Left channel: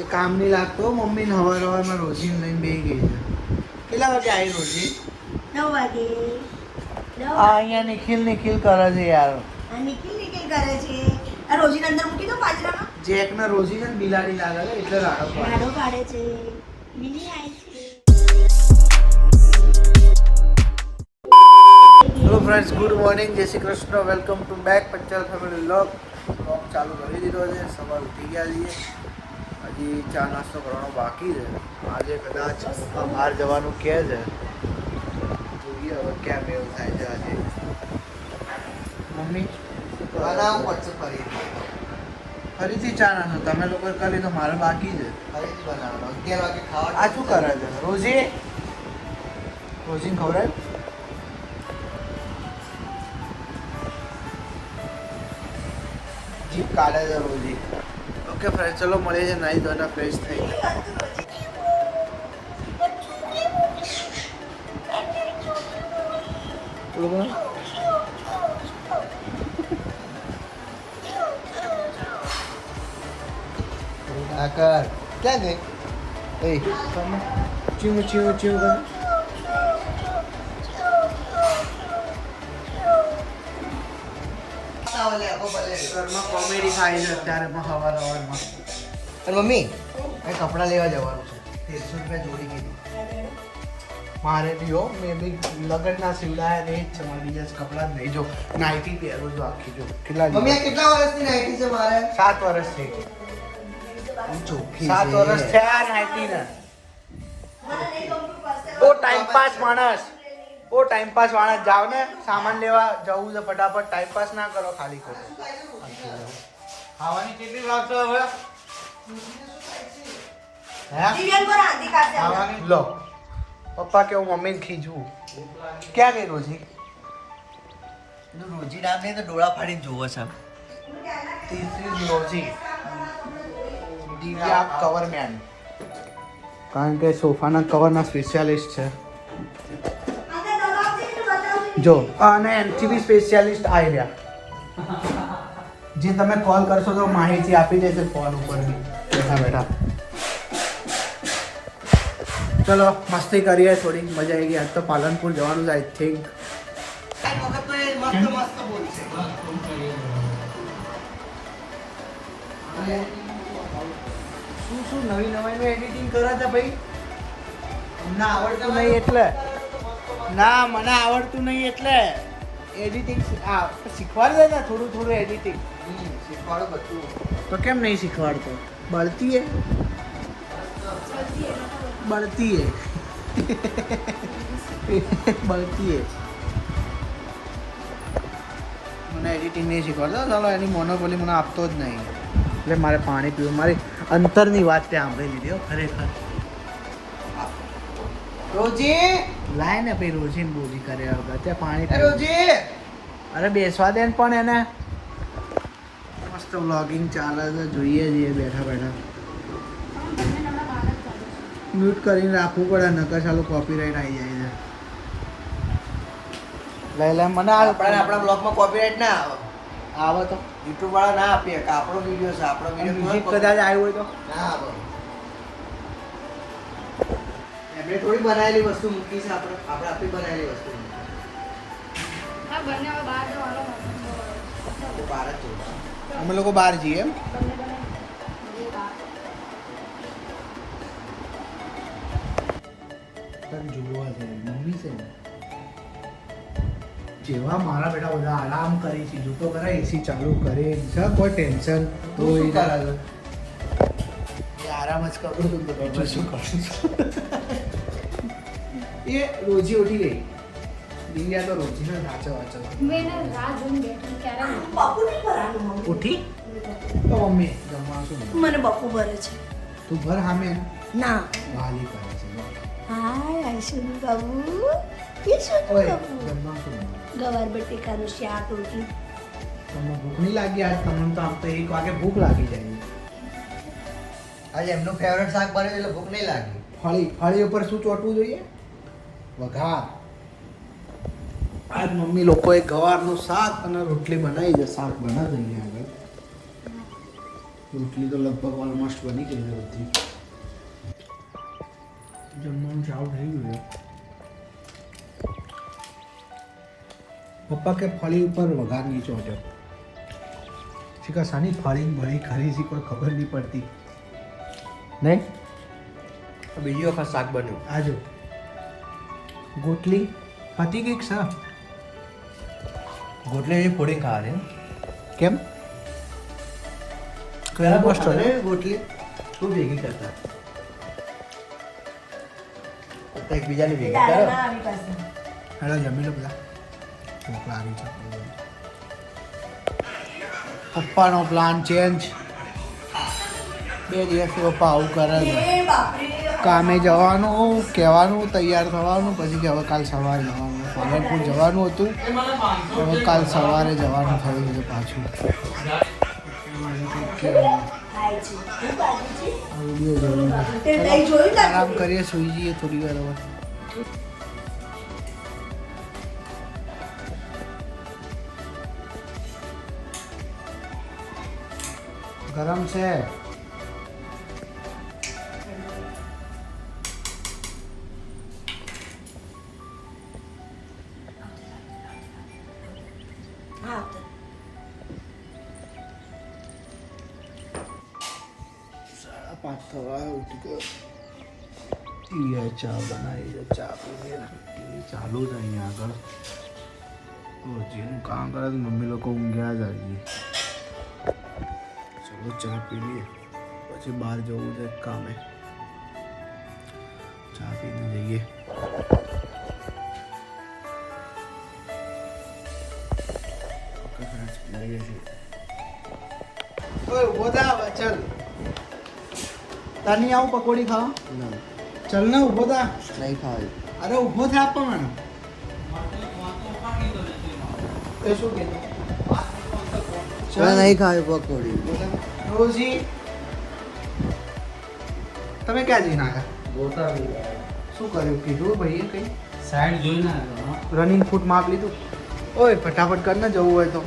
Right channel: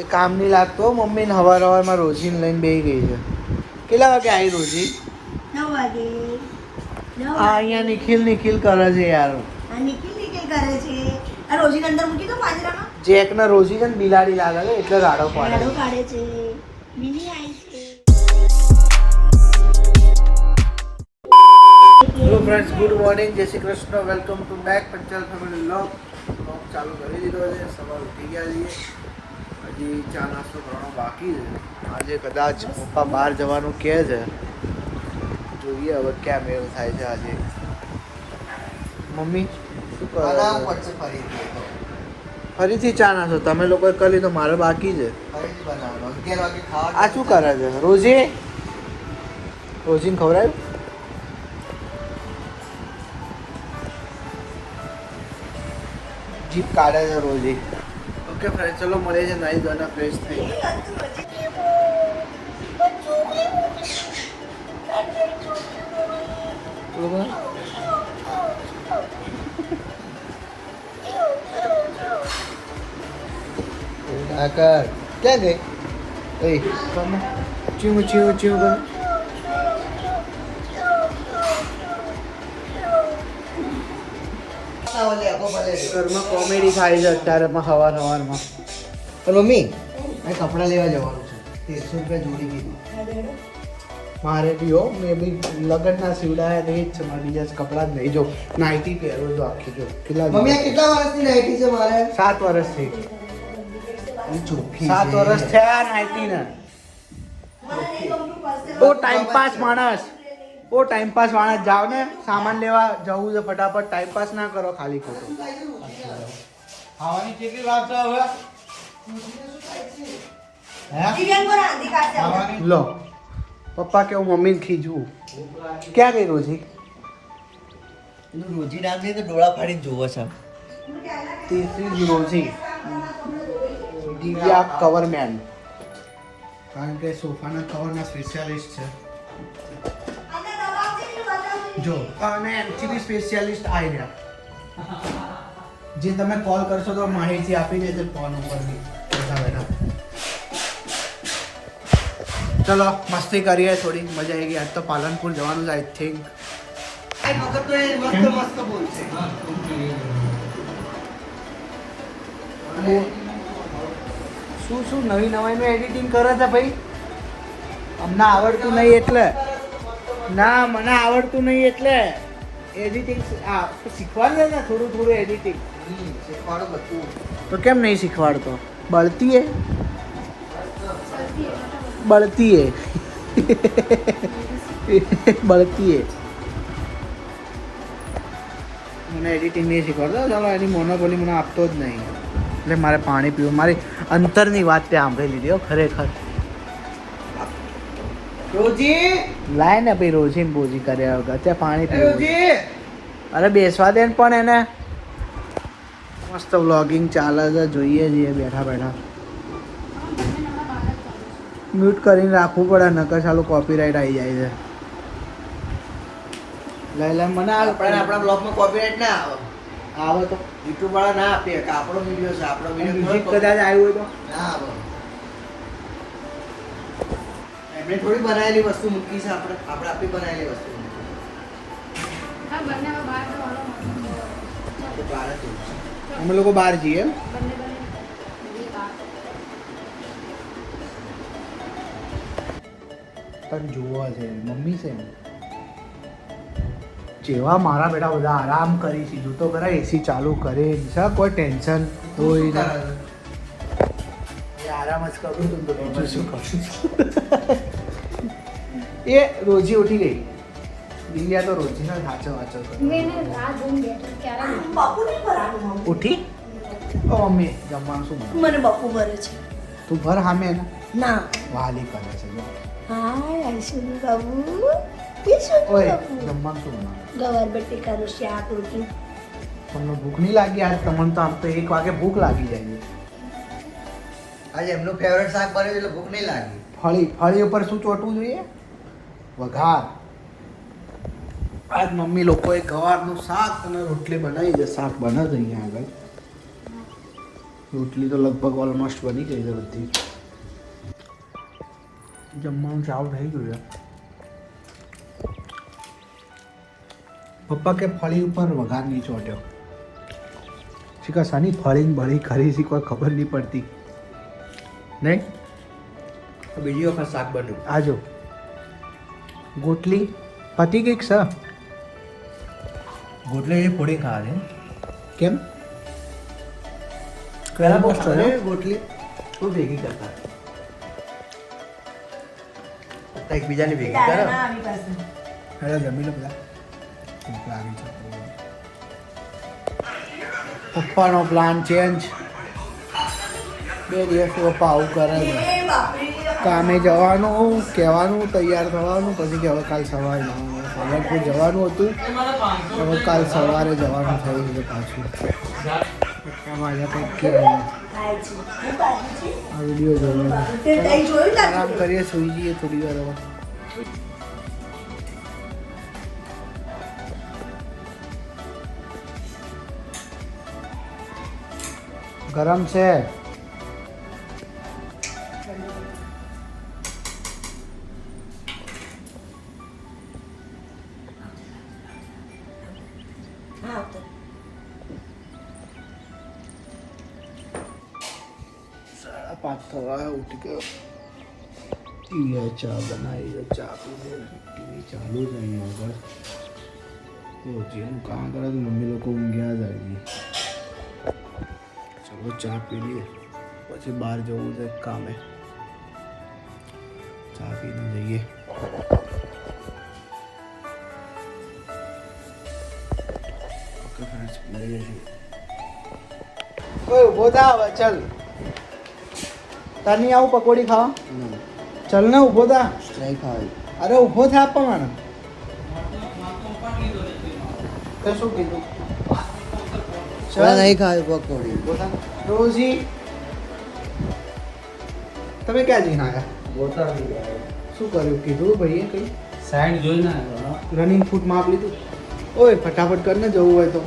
એ કામ નહીં લાગતો. મમ્મીને હવારમાં રોજીને લઈને બેસી ગઈ છે. કેટલા વાગે આવી રોજી? 9 વાગે. આ અહીંયા નિખિલ કરે છે યાર. નિખિલ કરે છે. આ રોજીને અંદર મૂકી દો પાંજરામાં. જેકના રોજી છે ને બિલાડી લાગે છે એટલે રાડો કાઢે છે. બિલી આવી છે. હેલો ફ્રેન્ડ્સ, ગુડ મોર્નિંગ, જય Shri Krishna, welcome to back Panchal family vlog ચાલુ કરી દીધો છે. સવાર ઉઠી ગયા છીએ, હજી ચા નાસ્તો કરવાનો બાકી છે. આજે કદાચ પપ્પા બહાર જવાનું કહે છે, જોઈએ હવે ક્યાં મેળો થાય છે આજે. મમ્મી શું કરો? ફરીથી ચા નાસ્તો તમે લોકોએ કરી તો મારે બાકી છે. આ શું કરે છે રોજીને ખવડાવ્યું? જીપ કાઢે છે રોજી. ઓકે ફ્રેન્ડ, ચલો મળીએ છે નાઈ ધોઈને ફ્રેશ થઈ. આકર ક્યાં ગઈ? એ ચીવું ચીવું ચીવું. ઘરમાં કોમેડી થાય છે અત્યારે સવારમાં. તો મમ્મી આ કપડાં લેવા જવાનું છે, 1300 રૂપિયા જોડી કીધું મારે બી. હો મેં બી લગ્નના સીવડાયા ને એ જ છે મારે, બીજા કપડાં જ નહીં. જો નાઇટી પહેરો જો આખી, જો કેટલા વર્ષની નાઇટી છે મારે? 7 વર્ષ થઈ ગઈ. 7 વર્ષ થયા નાઇટીને. ઓ ટાઈમપાસ માણસ, જાઓ ને સામાન લેવા જવું છે ફટાફટ. ટાઈમપાસ ના કરો ખાલી ખોટું. ખાવાની કેટલી વાર તો હવે લો પપ્પા કે મમ્મી ખીજવું. ક્યાં ગઈ રોજી? રોજી ના થઈ તો ડોળા ફાડીને જોવો છે. તીસરી રોજી દિવ્યા કવરમેન, કારણ કે સોફાના કવરના સ્પેશિયાલિસ્ટ છે. જો અને એનથી બી સ્પેશિયાલિસ્ટ આવી રહ્યા, જે તમે કોલ કરશો તો માહિતી આપી દેશે ફોન ઉપર બી બેઠા બેઠા. ચલો મસ્તી કરીએ, થોડી મજા આવી ગઈ. આજ તો પાલનપુર જવાનું છે આઈ થિંક. શું નવી નવાઈનું એડિટિંગ કરે છે ભાઈ? અમને આવડતું નહીં એટલે ના, મને આવડતું નહીં એટલે એડિટિંગ શીખવાડ દે ને થોડું થોડું એડિટિંગ શીખવાડો બધું. તો કેમ નહીં શીખવાડતો? બળતી હે બળતી હે મને એડિટિંગ નહીં શીખવાડતો. ચાલો એની મોનોપોલી મને આપતો જ નહીં એટલે મારે પાણી પીવું. મારી અંતરની વાત ત્યાં સાંભળી લીધી હો ખરેખર. રોજી લાય ને ભાઈ, રોજી ને બોજી કર્યા વગર ત્યાં પાણી. રોજી અરે બેસવા દે પણ એને. મસ્ત વ્લોગિંગ ચાલે છે, જોઈએ છીએ બેઠા બેઠા. મ્યુટ કરીને રાખવું પડે નકર ચાલુ કોપીરાઇટ આવી જાય છે. લઈ લે મને આપણા બ્લોગમાં કોપીરાઇટ ના આવે. આવે તો યુટ્યુબ વાળા ના આપે કે આપણો વિડીયો છે, આપણો મ્યુઝિક કદાચ આવ્યું હોય તો ના આવે. એમણે થોડી બનાવેલી વસ્તુ મૂકી છે, આપણે આપણી બનાવેલી વસ્તુ તો બહાર જ જોઈશું. અમે લોકો બહાર જઈએ એમ. પણ જોવા છે મમ્મી છે ને, જેવા મારા બેટા બધા આરામ કરી છે. જો તો ખરા એસી ચાલુ કરે છે, કોઈ ટેન્શન કોઈ ના. એ આરામ જ કરું છું તો બીજું શું કરું છું. એ રોજી ઉઠી ગઈ. દિવ્યા તો રોજીનો ઢાંચો વાંચો ઉઠી. તો મમ્મી જમવાનું શું બનાવ્યું? મને બપુ ભરે છે. તું ભર સામે ને ના વાલી કરે છે. હાય આઈશુનું બાબુ. ઓય જમવાનું શું બનાવ્યું? ગવાર બટેકાનું શાક, રોટલી. તમને ભૂખ નહીં લાગી આજ? તમને તો આમ તો 1 વાગે ભૂખ લાગી જાય. આજે એમનું ફેવરેટ શાક બન્યું એટલે ભૂખ નહીં લાગી. ફળી ઉપર શું ચોટવું જોઈએ? વઘાર. આજ મમ્મી લોકોએ ગવારનું શાક અને રોટલી બનાવી છે. શાક બનાવે અહીંયા આગળ. રોટલી તો લગભગ ઓલમોસ્ટ બની ગઈ છે બધી. જમવાનું ચાલુ થઈ ગયું છે. પપ્પા કે ફળી ઉપર વઘાર નહીં ચોટ્યો. શીખા સાની ફળી બળી ખરી છે કોઈ ખબર નહીં પડતી નહીં. બીજી વખત શાક બન્યું. આજો ગોટલી પતી ગઈ સર. ગોટલી ફોડી ખાવા છે. કેમ કયા મસ્ત અરે ગોટલી શું ભેગી કરતા એકબીજાની ભેગી તારા કરે. ના આવી પાસે. હેલો જમી લો બધા. ભૂખ લાગી છે. પપ્પાનો પ્લાન ચેન્જ. 2 દિવસથી પપ્પા આવું કરે છે. એ બાપરે. કામે જવાનું કહેવાનું તૈયાર થવાનું પછી કે હવે કાલ સવારે જવાનું. પાલનપુર જવાનું હતું હવે કાલ સવારે જવાનું થયું છે પાછું. અમારે કંઈક કે ખાય છે. હું કાઢી છે. આ વિડીયો જોયો તે નહીં જોયું ને? આરામ કરીએ સુઈ જઈએ થોડી વાર હવે. ગરમ છે. હા તો. 5:30 થવા ઉઠી ગયો. ટીવીએ ચા બનાવી છે. ચા પીને ટીવી ચાલુ છે અહીંયા આગળ. રોજીનું કામ કરે મમ્મી લોકો ઊંઘ્યા જ આવી. ચલો ચા પી લઈએ પછી બહાર જવું છે કામે. ચા પીને જઈએ. ઓકે ફ્રેન્ડ્સ મળીએ છીએ. ઓય ઊભો થા હવે ચાલ. તને આવું પકોડી ખાવા ચાલ ને ઊભો થા. નહીં ખાવાય. અરે ઊભો થા પણ તે શું કીધું નહીં ખાવી પકોડી. રોજી તમે ક્યાં જઈને આવ્યા? શું કર્યું કીધું ભાઈએ કઈ સાઈડ જોઈને રનિંગ ફૂટ માપ લીધું? ઓય ફટાફટ કર ને જવું હોય તો.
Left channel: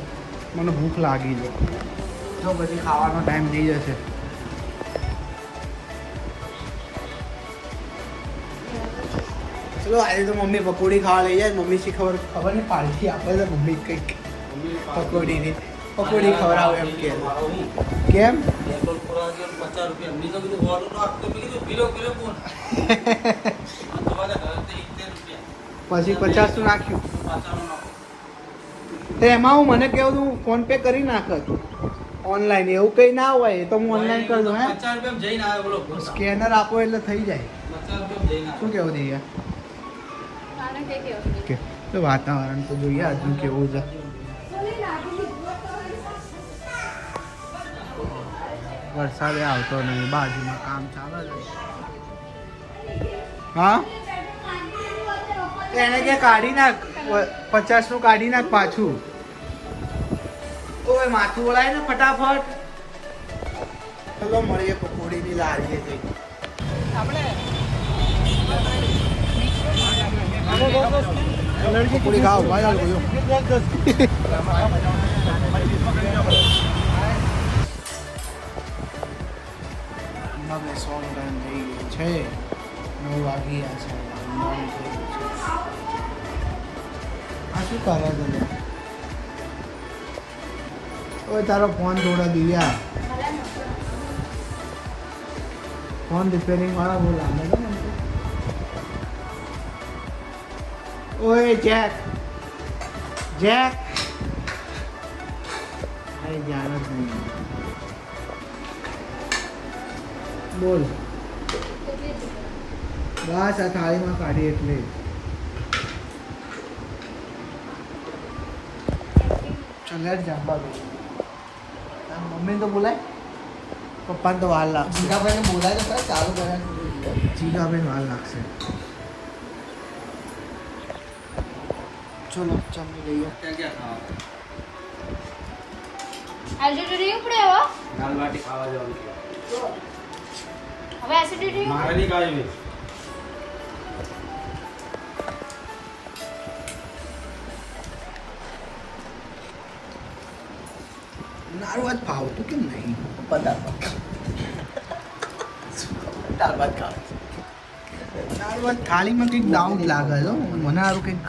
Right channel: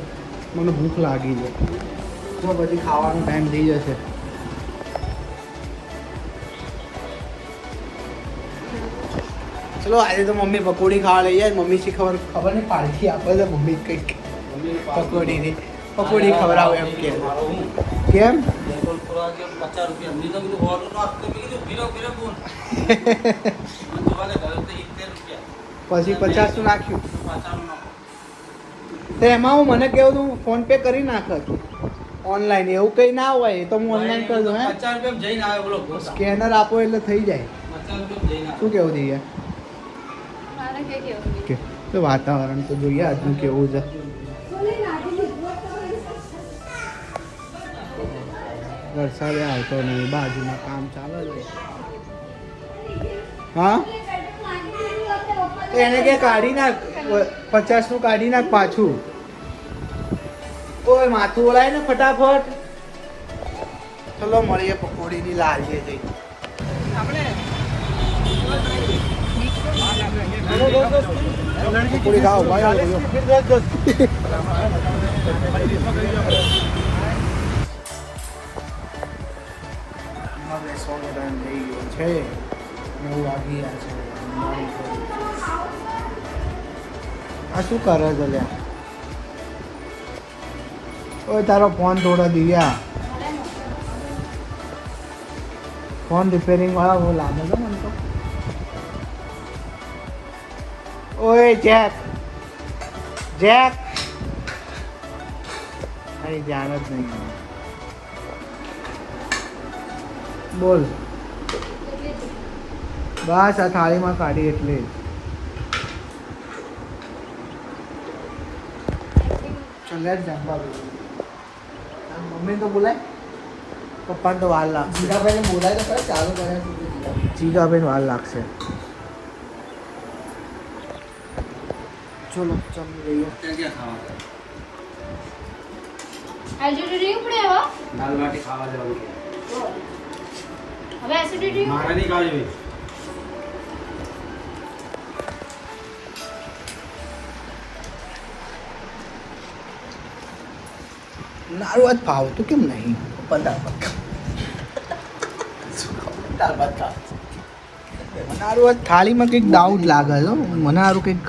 મને ભૂખ લાગી છે. જો પછી ખાવાનો ટાઈમ થઈ જશે. ચલો આજે તો મમ્મી પકોડી ખાવા લઈ જાય. મમ્મી શી ખબર નહીં પાડતી આપે છે મમ્મી કંઈક પકોડીની. પકોડી ખવડાવે એમ કે કેમ 50 રૂપિયા. પછી 50 નું નાખ્યું તો એમાં હું મને કેવું તું ફોન પે કરી નાખત ઓનલાઈન. એવું કઈ ના હોય એ તો હું ઓનલાઈન કરી દઉં. હે 50 રૂપિયા જઈને આવે બોલો. સ્કેનર આપો એટલે થઈ જાય. 50 રૂપિયા જઈને શું કેવું દઈએ કે તો વાતાવરણ તો જોઈએ આજનું કેવું છે. વરસાદ આવતો નહીં. બાજુમાં કામ ચાલે છે. હા તો એને કે કાઢી નાખ 50 નું કાઢી નાખ પાછું. ઓય માથું ઓળાય ને ફટાફટ. ચલો મળીએ પકોડીની લારીએ જઈ. પકોડી ખાઓ ભાઈ. બેસવાનો ટાઈમ થઈ ગયો છે. 9 વાગી ગયા છે. આ શું કરે છે લે? ઓ તારો ફોન થોડો દિવ્યા. ફોન રિપેરિંગ વાળા બહુ લાગે છે ને એમ તો. ઓય જેક જેક અરે જાણ જ નહીં. બોલ બસ આ થાળીમાં કાઢી એટલે ચાલ જાંબા મમ્મી તો બોલાય. પપ્પાને તો વાર લાગશે. જીગાભાઈને બોલાય તો ખરા ચાલુ કરે. જીગાભાઈને વાર લાગશે. ચલો જમી લઈએ. એસિડિટી ઉપડે હવે દાલ બાટી ખાવા જવું છે. હવે એસિડિટી મારે નહીં ખાવી. નારું આજ ભાવતું કેમ નહીં? દાળ ભાત ખાવા મને સારું આ થાળીમાં કંઈક ડાઉટ લાગે છે હો. મને સારું કંઈક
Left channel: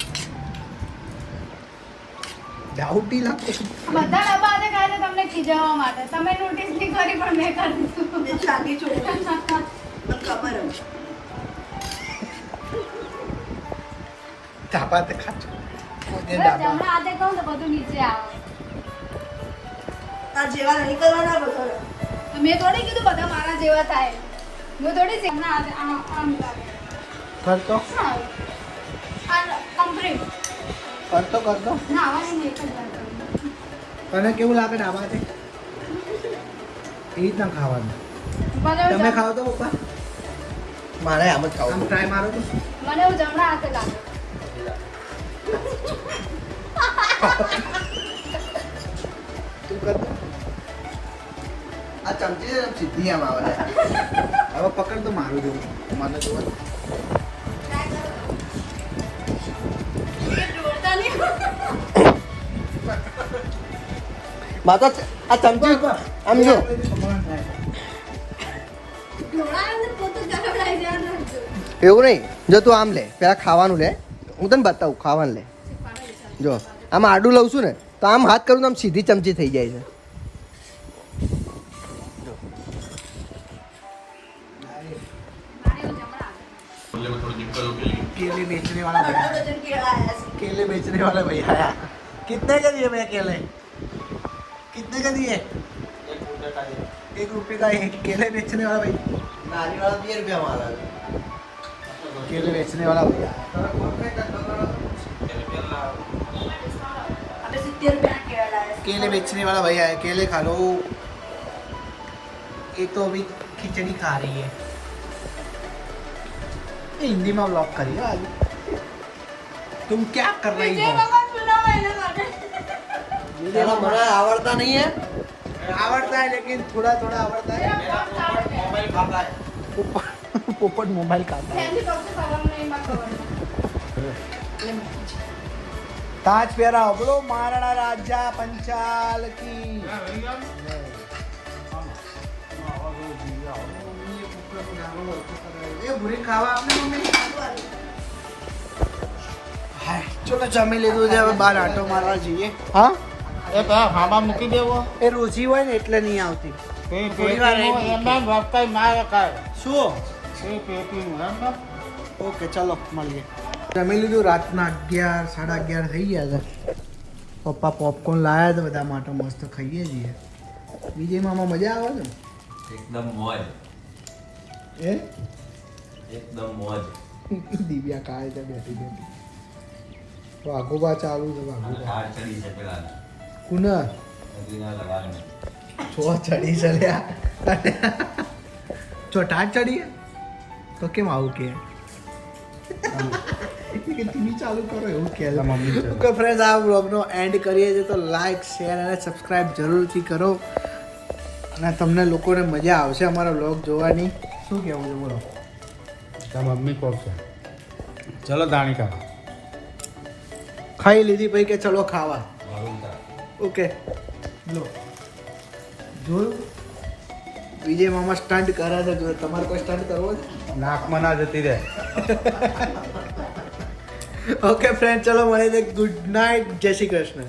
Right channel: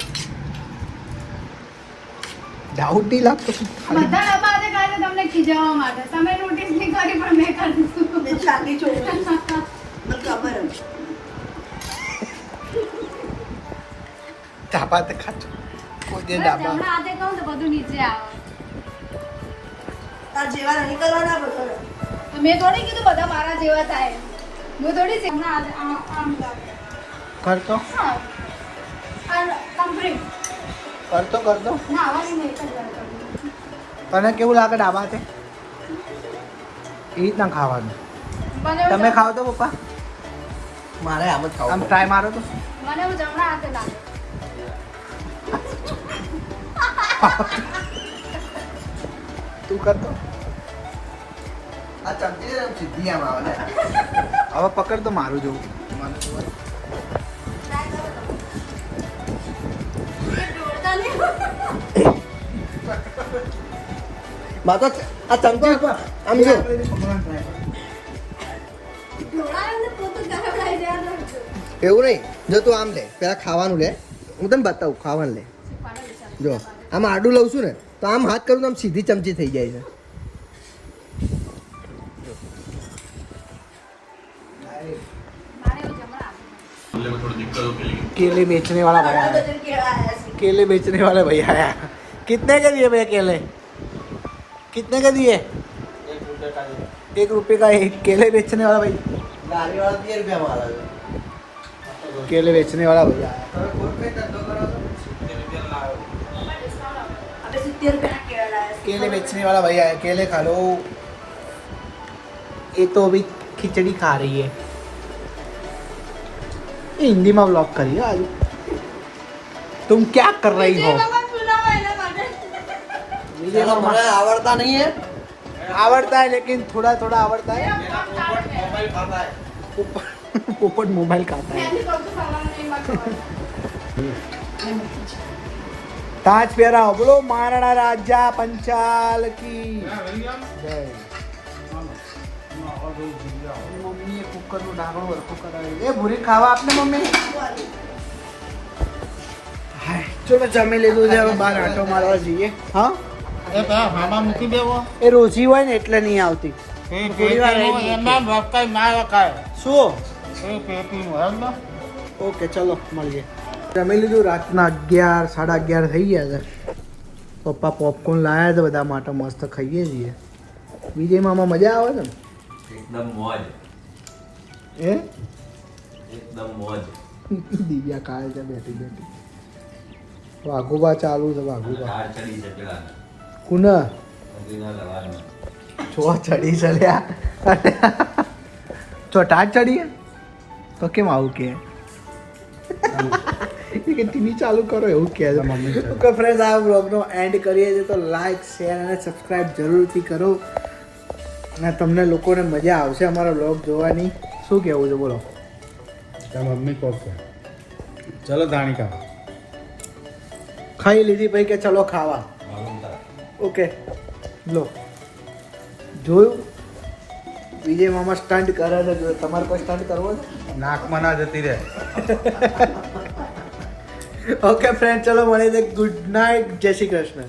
ડાઉટ નહીં લાગતો કે થાળી- બધા ડબ્બા આજે ખાય છે તમને ખીજાવવા માટે તમે નોટિસ નહીં કરી પણ મેં કરી દીધું. મેં ચાલી છોડી મને ખબર હતી. દાળ ભાત ખાજો કોઈ દે બસ દાળ ભાત. હમણાં આજે કહું તો બધું નીચે આવે તાર જેવા નહીં કરવાના બધા. તો મેં થોડી કીધું બધા મારા જેવા થાય હું થોડી છે હમણાં આજે આમ લાગે કરતો હા આ કમ્પ્લીટ કરતો કરતો ના આવવાની નહીં એક જ વાર કરું તને કેવું લાગે ડાબાથી એ રીતના ખાવાનું મને એવું તમે ખાવ તો પપ્પા મારે આમ જ આમ ખાવું ટ્રાય મારો તો મને એવું જમણા હાથે લાગે તું કર આ ચમચી આમ સીધી આમ આવે હવે પકડ તો મારું જેવું મને તો માતા આ ચમચી આમ જો ઢોળાવીને પોતું ગરવડાવી દેવાનું હતું. એવું નહીં જો તું આમ લે પેલા ખાવાનું લે હું તને બતાવું ખાવાનું લે જો આમ આડું લઉં છું ને તો આમ હાથ કરું તો આમ સીધી ચમચી થઈ જાય છે મારે એવું જમણા હાથે केले बेचने वाला भैया ઘણા है બધા કેળા આયા છે. केले बेचने वाले भैया आया कितने के दिए भैया केले कितने के दिए 1 रुपये का एक केले बेचने वाला भैया गाड़ी वाला 10 रुपया मारा केले बेचने वाला भैया આપણે 70 રૂપિયાના કેળા લાયા છે. केले बेचने वाला भैया है केले खा लो एक तो अभी खिचड़ी खा रही है ये हिंदी में व्लॉग करिए आज तुम क्या कर रही हो વિજય ભગવાન બોલાવો એના માટે. मुझे आवड़ता नहीं है आवड़ता है लेकिन थोड़ा थोड़ा आवड़ता है मोबाइल खाता है पोपट मोबाइल खाता है ત્યાંથી સૌથી સલામ નહીં કરતો. ताज प्यारा बोलो महाराणा राजा पंचाल की जय मम्मी ये कुकर નું ડાબો વરખું કરાવી એ ભૂરી ખાવા આપને મમ્મી હાય ચલો જમી લીધું છે હવે બહાર આટો મારવા જઈએ હા એ રોજી હોય ને એટલે નહીં આવતી થોડી વાર રહી શું ઓકે ચલો મળીએ જમી લીધું રાતના 11 11:30 થઈ ગયા છે પપ્પા પોપકોર્ન લાયા છે બધા માટે મસ્ત ખાઈએ છીએ વિજય મામા મજા આવે ને एकदम मौज એ एकदम मौज દિવ્યા ખાય છે બેઠી બેઠી વાઘુબા ચાલુ છે વાઘુબા कार चढ़ी से पेला કુન मदीना लगाना છો ચડી ચડ્યા છો ટાટ ચડી હે? તો કેમ આવું કે કે ટીવી ચાલુ કરો એવું કહે છે મમ્મી તો ફ્રેન્ડ્સ આ વ્લોગનો એન્ડ કરીએ છીએ તો લાઈક શેર અને સબસ્ક્રાઇબ જરૂરથી કરો અને તમને લોકોને મજા આવશે અમારા વ્લોગ જોવાની શું કહેવું છે બોલો મમ્મી કોક છે ચલો ધાણી કા ખાઈ લીધી ભાઈ કે ચલો ખાવા ઓકે લો જોયું વિજય મામા સ્ટન્ટ કરે છે જો તમારે કોઈ સ્ટન્ટ કરવો છે નાકમાં ના જતી રહે ઓકે ફ્રેન્ડ ચલો મળીએ ગુડ નાઇટ જય શ્રી કૃષ્ણ